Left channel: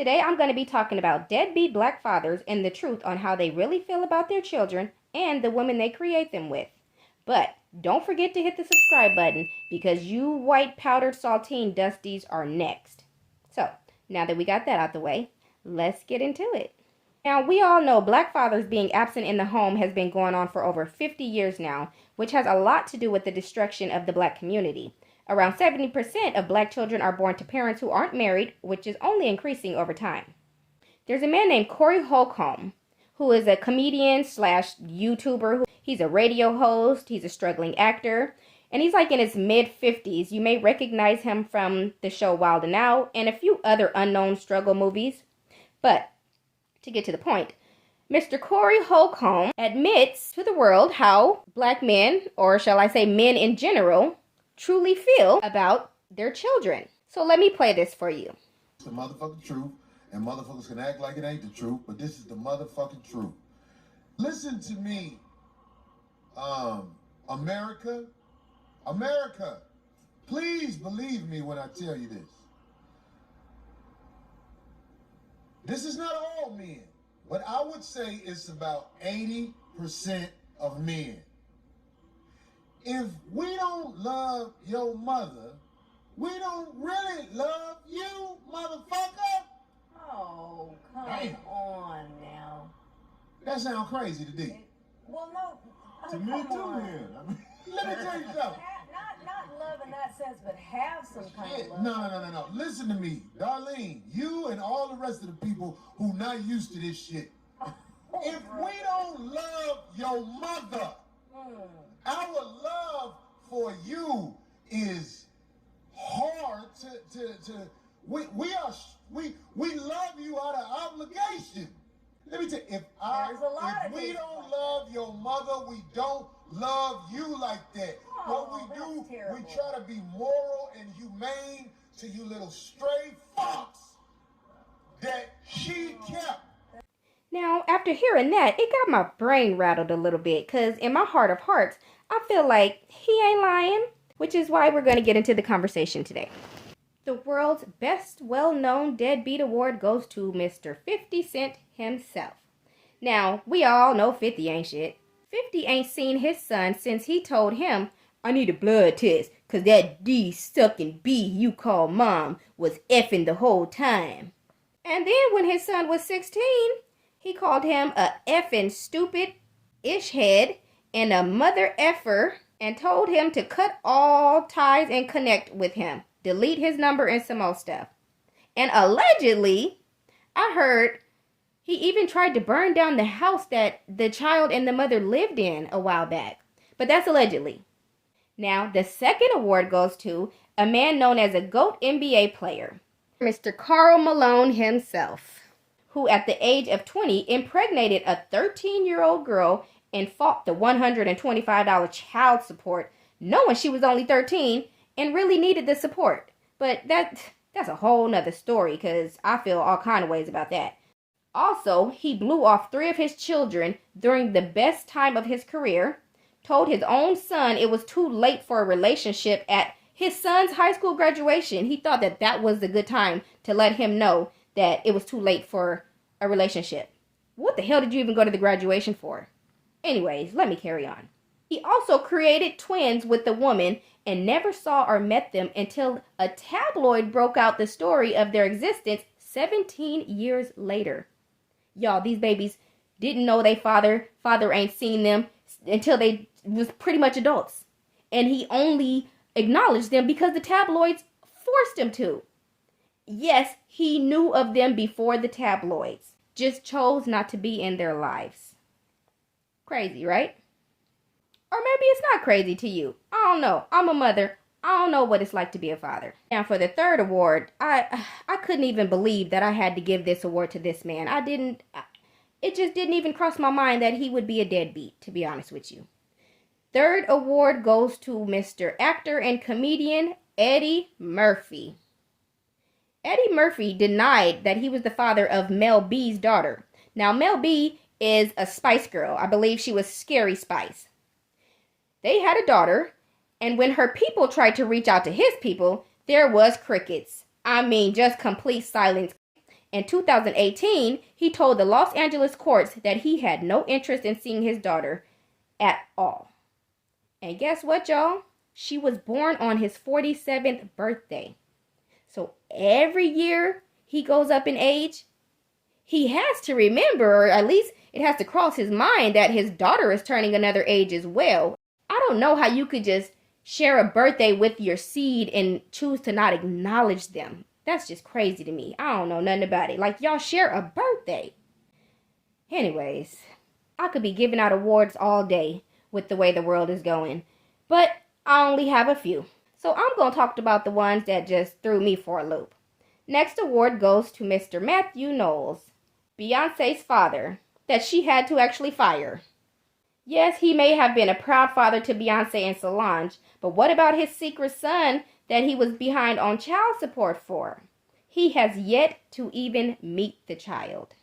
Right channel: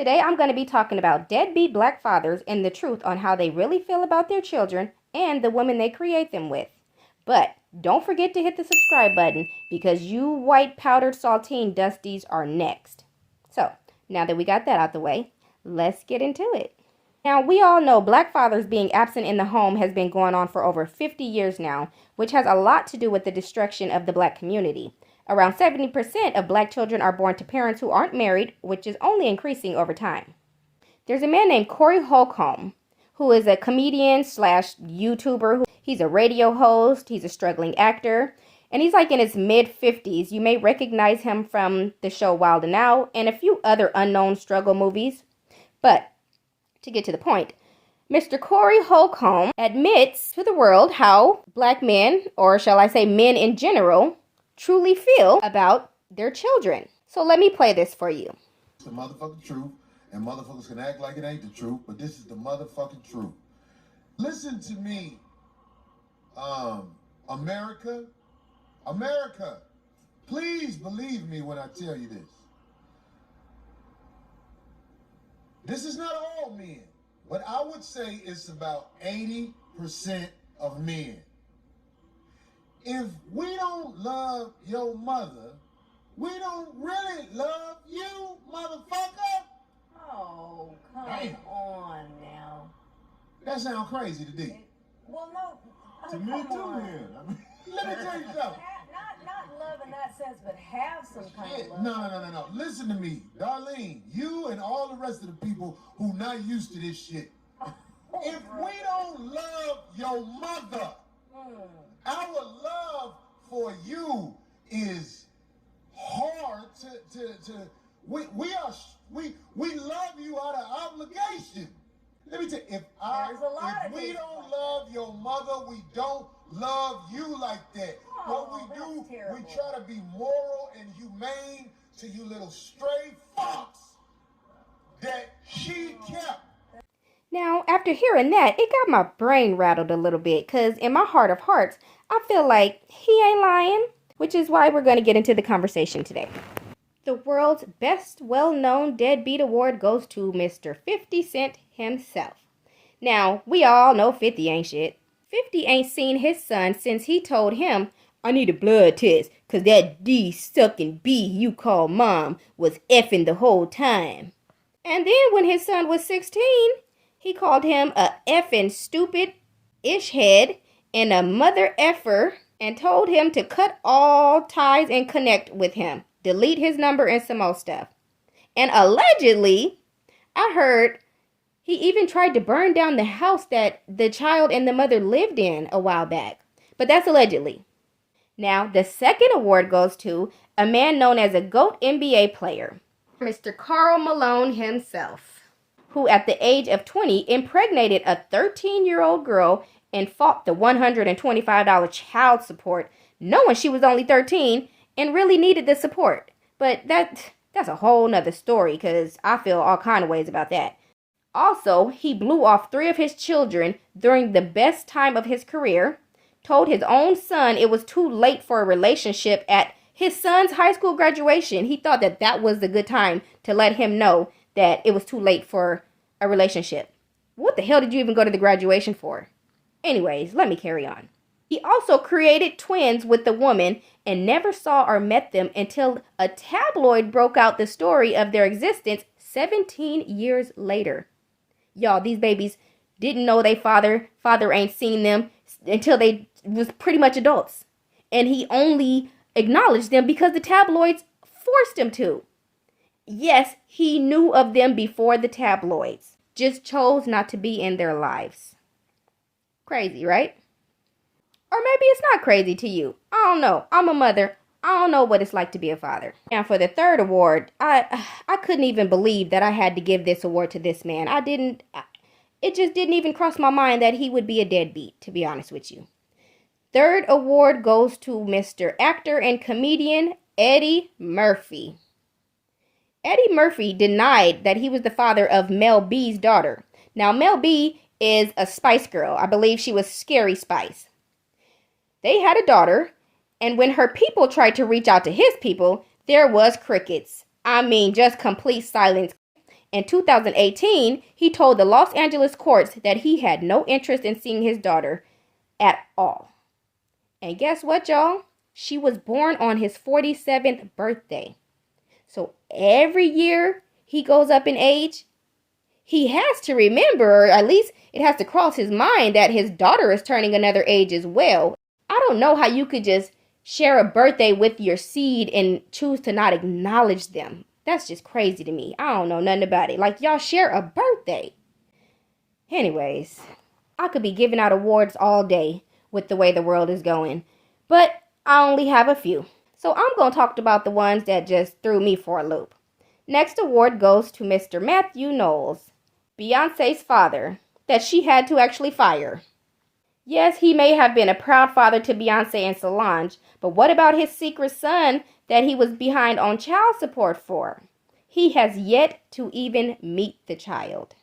Today I'm going to be talking about deadbeat black fathers and the truth on how they really feel about their children and the women they create them with. But don't forget to hit the subscribe button because you white powdered saltine dusties are next. So, now that we got that out the way, let's get into it. Now, we all know black fathers being absent in the home has been going on for over 50 years now, which has a lot to do with the destruction of the black community. Around 70% of black children are born to parents who aren't married, which is only increasing over time. There's a man named Corey Holcomb, who is a comedian slash YouTuber. He's a radio host, he's a struggling actor, and he's like in his mid-50s. You may recognize him from the show Wild 'N Out and a few other unknown struggle movies. But to get to the point, Mr. Corey Holcomb admits to the world how black men, or shall I say men in general, truly feel about their children. So let me play this for you. It's the motherfucking truth, and motherfuckers can act like it ain't the truth, but this is the motherfucking truth. Listen to me, America, please believe me when I tell you this. This is not all men, but I would say it's about 80% of men. If we don't love your mother, we don't really love you, motherfucker. Oh, come Damn. on now. That sounds crazy to D. Well, no. To Oh, me come too, on. man. Let me tell you something. Not love in that sense, but have some kind of love. No. Listen to me, Darlene. You and all the rest of the people who not used to this shit. If we don't love your mother, our love for you is hard we love you out of obligation. Let me tell you, if we don't love your mother, we don't love you like that. What we do, we try to be moral and humane to you little stray fucks that she kept. Now, after hearing that, it got my brain rattled a little bit because in my heart of hearts, I feel like he ain't lying, which is why we're going to get into the conversation today. The world's best well-known deadbeat award goes to Mr. 50 Cent himself. Now, we all know 50 ain't shit. 50 ain't seen his son since he told him, "I need a blood test, cause that D-sucking B you call mom was effing the whole time." And then when his son was 16, he called him a effing stupid ish head and a mother effer and told him to cut all ties and connect with him, delete his number and some more stuff. And allegedly, I heard he even tried to burn down the house that the child and the mother lived in a while back. But that's allegedly. Now, the second award goes to a man known as a GOAT NBA player, Mr. Karl Malone himself, who at the age of 20 impregnated a 13-year-old girl and fought the $125 child support, knowing she was only 13 and really needed the support. But that's a whole nother story because I feel all kind of ways about that. Also, he blew off 3 of his children during the best time of his career, told his own son it was too late for a relationship at his son's high school graduation. He thought that was the good time to let him know that it was too late for a relationship. What the hell did you even go to the graduation for? Anyways, let me carry on. He also created twins with the woman and never saw or met them until a tabloid broke out the story of their existence 17 years later. Y'all, these babies didn't know they father ain't seen them until they was pretty much adults. And he only acknowledged them because the tabloids forced him to. Yes, he knew of them before the tabloids, just chose not to be in their lives. Crazy, right? Or maybe it's not crazy to you. I don't know. I'm a mother. I don't know what it's like to be a father. And for the third award, I couldn't even believe that I had to give this award to this man. It just didn't even cross my mind that he would be a deadbeat, to be honest with you. Third award goes to Mr. Actor and comedian Eddie Murphy. Eddie Murphy denied that he was the father of Mel B's daughter. Now, Mel B is a Spice Girl. I believe she was Scary Spice. They had a daughter, and when her people tried to reach out to his people, there was crickets. I mean, just complete silence. In 2018, he told the Los Angeles courts that he had no interest in seeing his daughter at all. And guess what, y'all? She was born on his 47th birthday. So every year he goes up in age, he has to remember, or at least it has to cross his mind, that his daughter is turning another age as well. I don't know how you could just share a birthday with your seed and choose to not acknowledge them. That's just crazy to me. I don't know nothing about it. Like, y'all share a birthday. Anyways, I could be giving out awards all day with the way the world is going, but I only have a few. So I'm going to talk about the ones that just threw me for a loop. Next award goes to Mr. Matthew Knowles, Beyonce's father, that she had to actually fire. Yes, he may have been a proud father to Beyonce and Solange, but what about his secret son that he was behind on child support for? He has yet to even meet the child.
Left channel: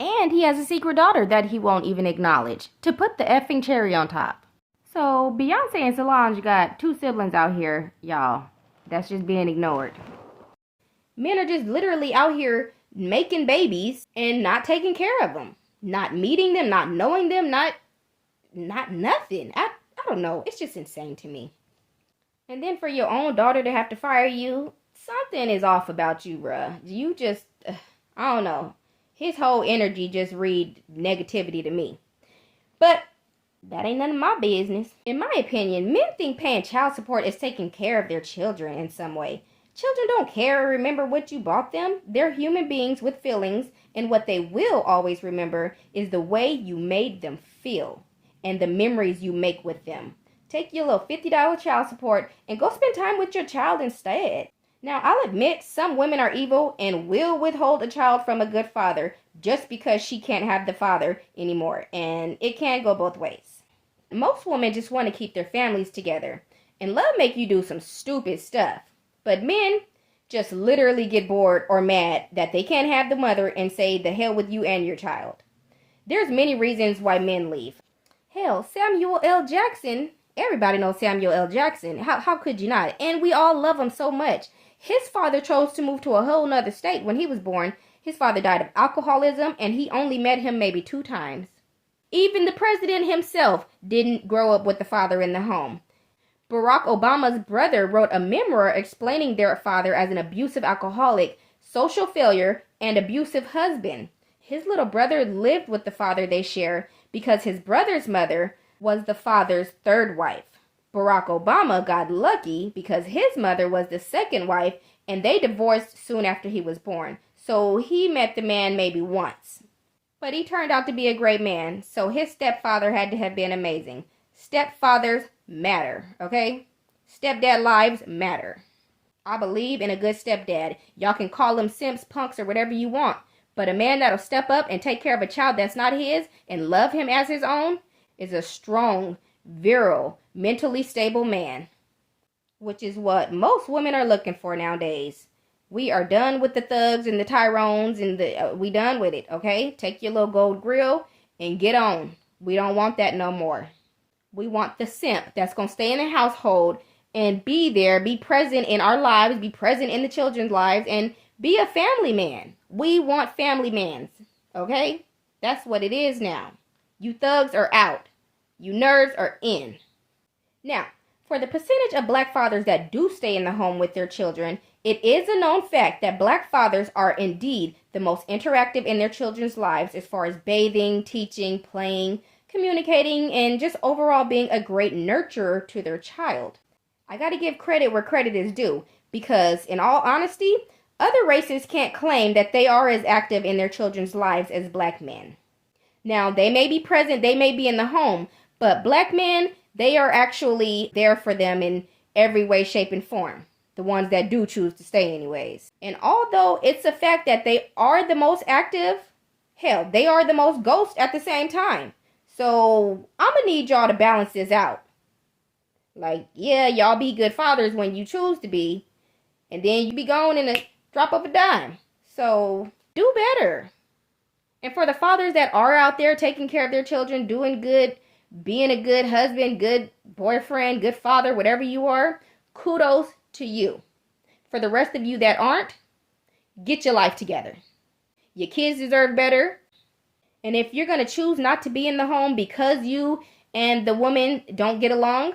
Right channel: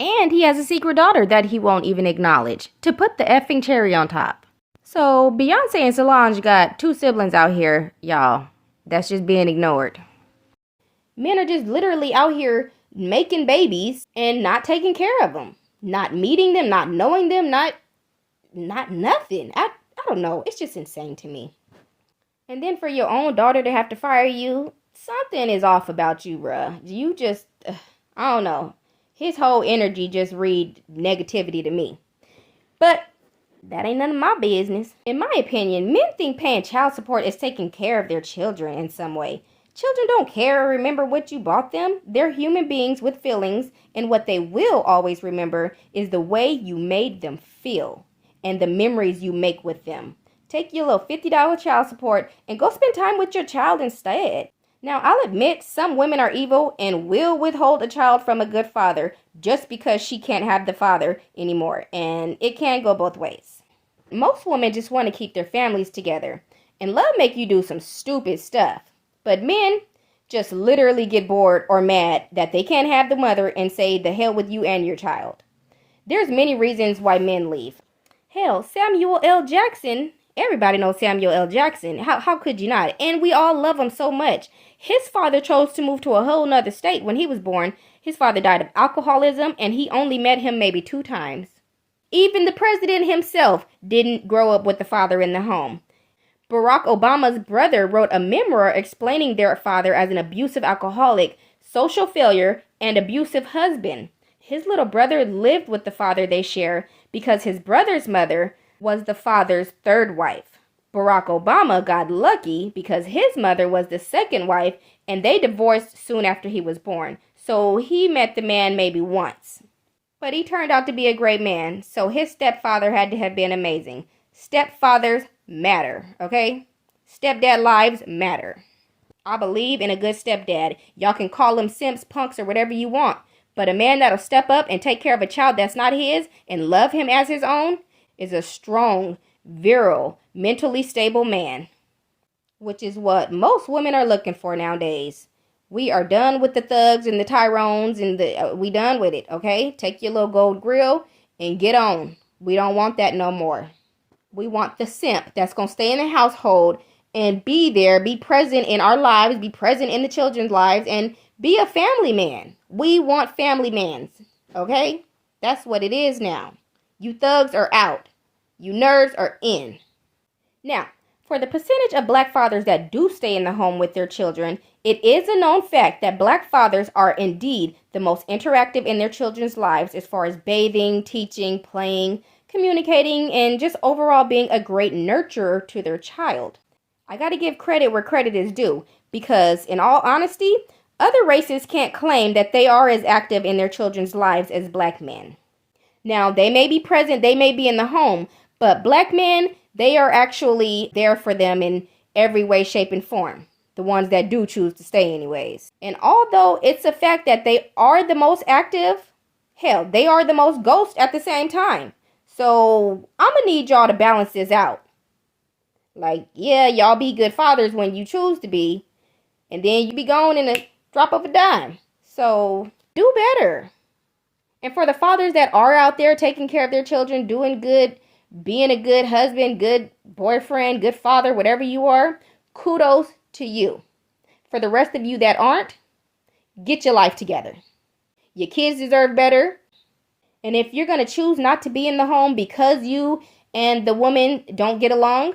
And he has a secret daughter that he won't even acknowledge, to put the effing cherry on top. So Beyonce and Solange got 2 siblings out here, y'all. That's just being ignored. Men are just literally out here making babies and not taking care of them. Not meeting them, not knowing them, not nothing. I don't know. It's just insane to me. And then for your own daughter to have to fire you, something is off about you, bruh. You just, I don't know. His whole energy just read negativity to me. But that ain't none of my business. In my opinion, men think paying child support is taking care of their children in some way. Children don't care or remember what you bought them. They're human beings with feelings, and what they will always remember is the way you made them feel and the memories you make with them. Take your little $50 child support and go spend time with your child instead. Now, I'll admit some women are evil and will withhold a child from a good father just because she can't have the father anymore, and it can go both ways. Most women just want to keep their families together, and love make you do some stupid stuff. But men just literally get bored or mad that they can't have the mother and say the hell with you and your child. There's many reasons why men leave. Hell, Samuel L. Jackson, everybody knows Samuel L. Jackson. How could you not? And we all love him so much. His father chose to move to a whole nother state when he was born. His father died of alcoholism, and he only met him maybe 2 times. Even the president himself didn't grow up with the father in the home. Barack Obama's brother wrote a memoir explaining their father as an abusive alcoholic, social failure, and abusive husband. His little brother lived with the father they share because his brother's mother was the father's 3rd wife. Barack Obama got lucky because his mother was the 2nd wife, and they divorced soon after he was born. So he met the man maybe once. But he turned out to be a great man, so his stepfather had to have been amazing. Stepfathers matter, okay? Stepdad lives matter. I believe in a good stepdad. Y'all can call them simps, punks, or whatever you want. But a man that'll step up and take care of a child that's not his and love him as his own is a strong, virile, mentally stable man. Which is what most women are looking for nowadays. We are done with the thugs and the Tyrones and we done with it, okay? Take your little gold grill and get on. We don't want that no more. We want the simp that's going to stay in the household and be there, be present in our lives, be present in the children's lives, and be a family man. We want family mans, okay? That's what it is now. You thugs are out. You nerds are in. Now, for the percentage of black fathers that do stay in the home with their children, it is a known fact that black fathers are indeed the most interactive in their children's lives as far as bathing, teaching, playing, communicating, and just overall being a great nurturer to their child. I gotta give credit where credit is due, because in all honesty, other races can't claim that they are as active in their children's lives as black men. Now, they may be present, they may be in the home, but black men, they are actually there for them in every way, shape, and form. The ones that do choose to stay anyways. And although it's a fact that they are the most active, hell, they are the most ghost at the same time. So I'm going to need y'all to balance this out. Like, yeah, y'all be good fathers when you choose to be. And then you be gone in a drop of a dime. So do better. And for the fathers that are out there taking care of their children, doing good, being a good husband, good boyfriend, good father, whatever you are, kudos to you. For the rest of you that aren't, get your life together. Your kids deserve better. And if you're going to choose not to be in the home because you and the woman don't get along,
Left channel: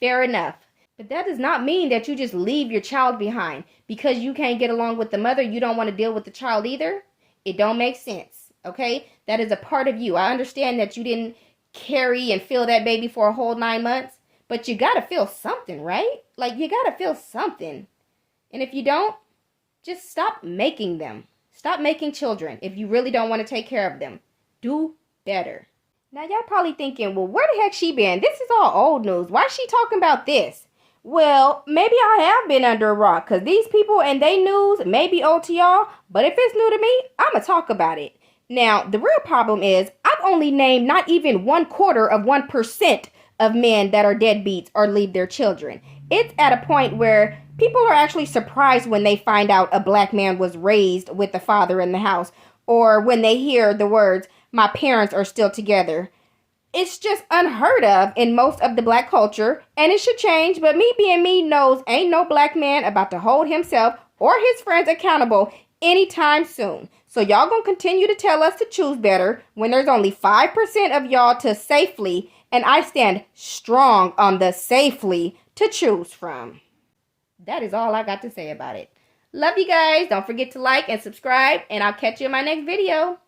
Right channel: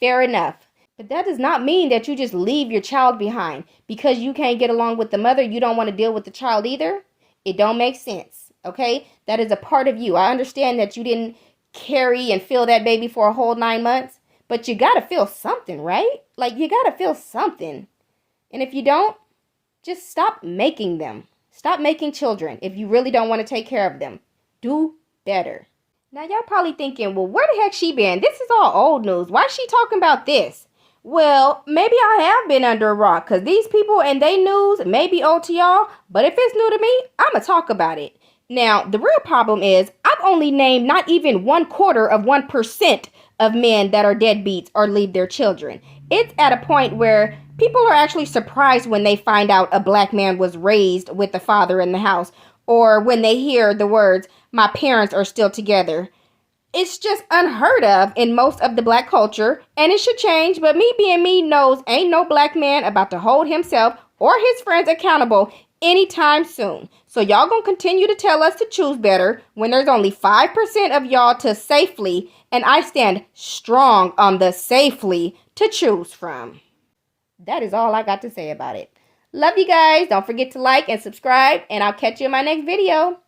fair enough. But that does not mean that you just leave your child behind. Because you can't get along with the mother, you don't want to deal with the child either. It don't make sense, okay? That is a part of you. I understand that you didn't carry and feel that baby for a whole 9 months. But you got to feel something, right? Like, you got to feel something. And if you don't, just stop making them. Stop making children if you really don't want to take care of them. Do better. Now, y'all probably thinking, well, where the heck she been? This is all old news. Why is she talking about this? Well, maybe I have been under a rock because these people and they news may be old to y'all, but if it's new to me, I'm going to talk about it. Now, the real problem is I've only named not even 0.25% of men that are deadbeats or leave their children. It's at a point where people are actually surprised when they find out a black man was raised with a father in the house, or when they hear the words, my parents are still together. It's just unheard of in most of the black culture, and it should change, but me being me knows ain't no black man about to hold himself or his friends accountable anytime soon. So y'all gonna continue to tell us to choose better when there's only 5% of y'all to safely, and I stand strong on the safely, to choose from. That is all I got to say about it. Love you guys. Don't forget to like and subscribe, and I'll catch you in my next video.